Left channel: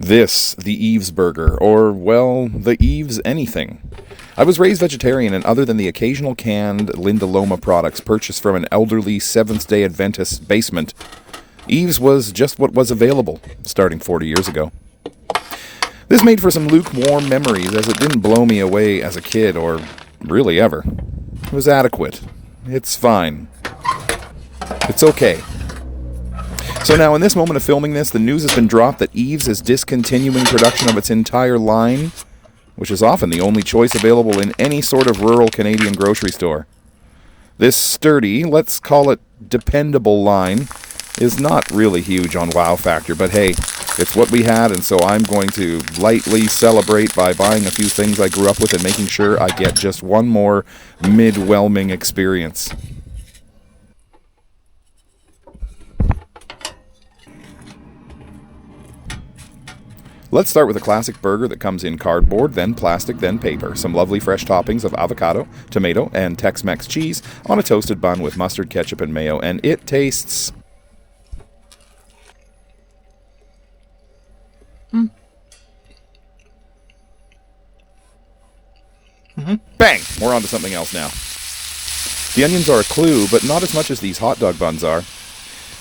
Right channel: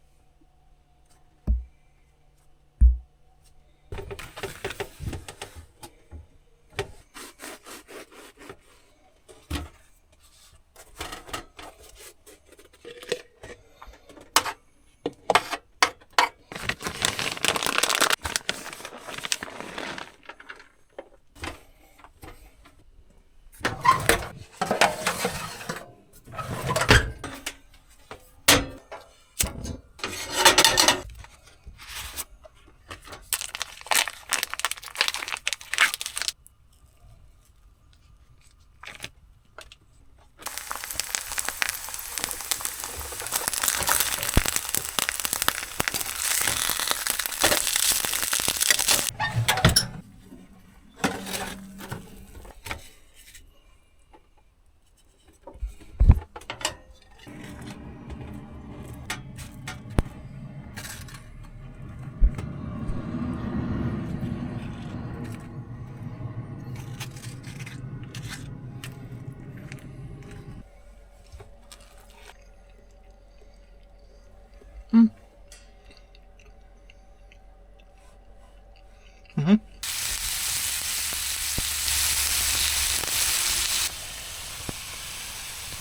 This, the Yves burger, or, well, the Yves anything. I was raised vegetarian, and other than the occasional canned Linda Loma products purchased from an elderly Seventh-day Adventist basement, Yves was just what was available, starting 40 years ago. This made for some lukewarm memories, as it didn't blow me away as a kid, or really ever. It was adequate. It's fine. It's okay. So now, in this moment of filming this, the news has been dropped that Yves is discontinuing production of its entire line, which is often the only choice available in any sort of rural Canadian grocery store. This sturdy, let's call it dependable line, is not really huge on wow factor, but hey, it's what we had, and so I'm going to lightly celebrate by buying a few things I grew up with and making sure I get just one more mid-whelming experience. Let's start with a classic burger that comes in cardboard, then plastic, then paper. Some lovely fresh toppings of avocado, tomato, and Tex-Mex cheese on a toasted bun with mustard, ketchup, and mayo, and it tastes... Bang! We're on to something else now. The onions are a clue, but not as much as these hot dog buns are.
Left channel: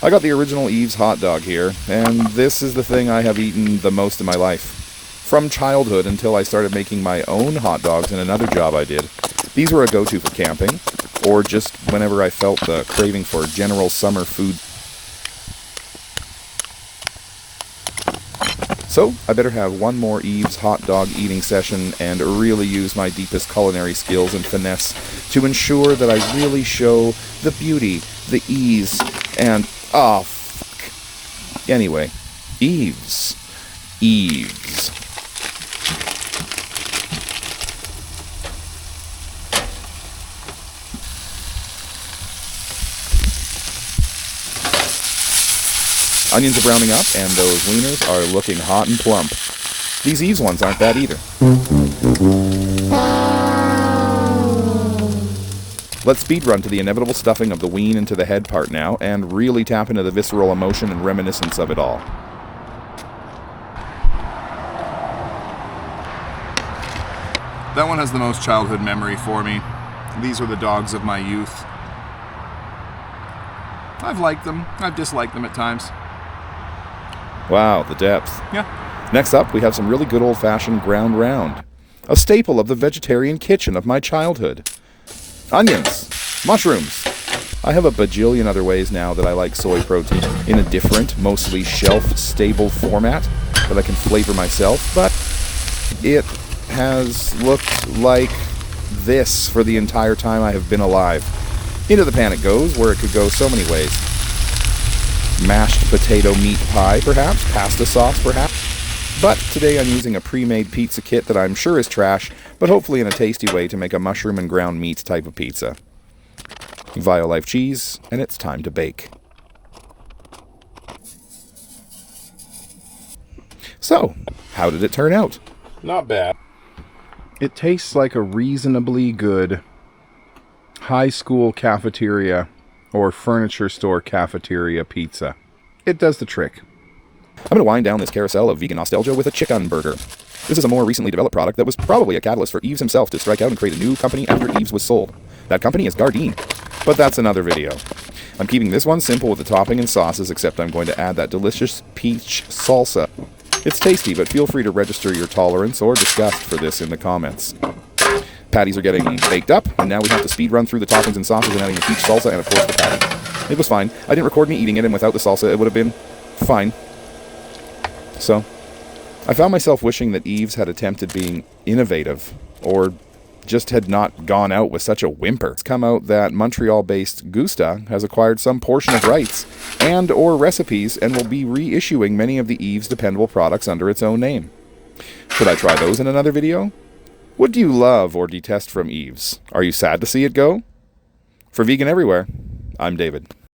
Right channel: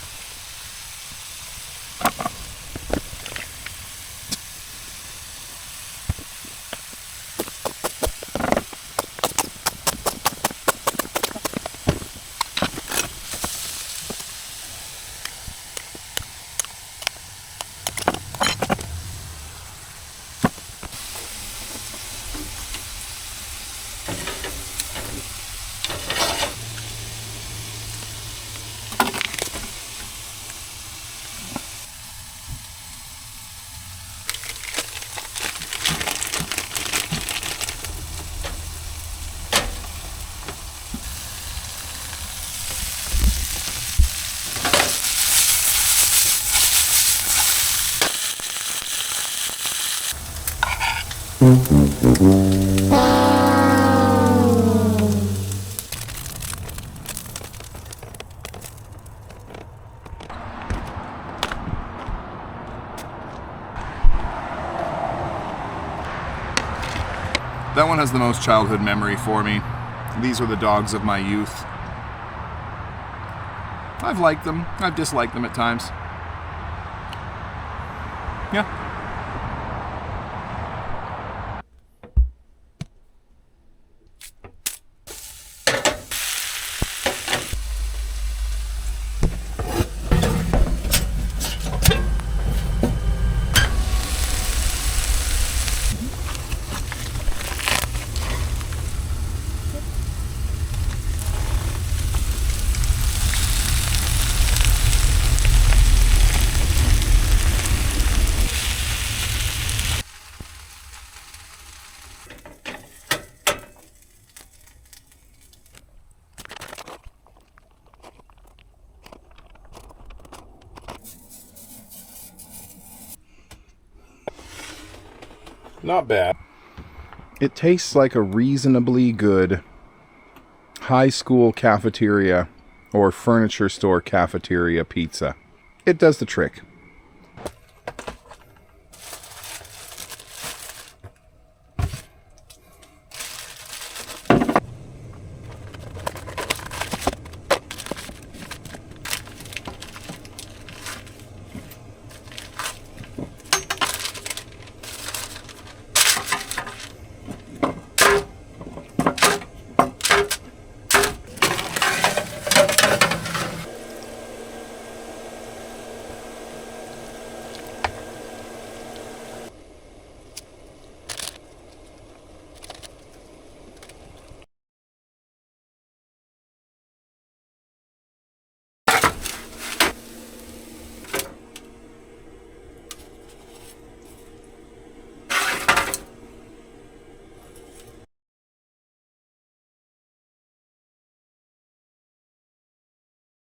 I got the original Yves hot dog here, and this is the thing I have eaten the most in my life. From childhood until I started making my own hot dogs in another job I did. These were a go-to for camping, or just whenever I felt the craving for general summer food. So, I better have one more Yves hot dog eating session and really use my deepest culinary skills and finesse to ensure that I really show the beauty, the ease, and... Anyway, Yves. Onions are browning up, and those wieners are looking hot and plump. These Yves ones aren't bad either. Let's speedrun to the inevitable stuffing of the ween into the head part now, and really tap into the visceral emotion and reminiscence of it all. That one has the most childhood memory for me. These were the dogs of my youth. I've liked them. I've disliked them at times. Wow, the depth. Yeah. Next up, we have some really good old-fashioned ground round. A staple of the vegetarian kitchen of my childhood. Onions. Mushrooms. I have a bajillion other ways now that I like soy protein in a different, mostly shelf-stable format that I can flavor myself, but it has looked like this for the entire time I have been alive. Into the pan it goes, where it could go so many ways. Mashed potato meat pie, perhaps. Pasta sauce, perhaps. But today I'm using a pre-made pizza kit that I'm sure is trash, but hopefully in a tasty way to make a mushroom and ground meat type of pizza. Violife cheese, and it's time to bake. So, how did it turn out? Not bad. It tastes like a reasonably good high school cafeteria or furniture store cafeteria pizza. It does the trick. I'm going to wind down this carousel of vegan nostalgia with a chicken burger. This is a more recently developed product that was probably a catalyst for Yves himself to strike out and create a new company after Yves was sold. That company is Gardein, but that's another video. I'm keeping this one simple with the topping and sauces, except I'm going to add that delicious peach salsa. It's tasty, but feel free to register your tolerance or disgust for this in the comments. Patties are getting baked up, and now we have to speed run through the toppings and sauces and adding the peach salsa and of course the patty. It was fine. I didn't record me eating it, and without the salsa it would have been fine. So, I found myself wishing that Yves had attempted being innovative, or just had not gone out with such a whimper. It's come out that Montreal-based Gusta has acquired some portion of rights and or recipes and will be reissuing many of the Yves dependable products under its own name. Should I try those in another video? What do you love or detest from Yves? Are you sad to see it go? For Vegan Everywhere, I'm David.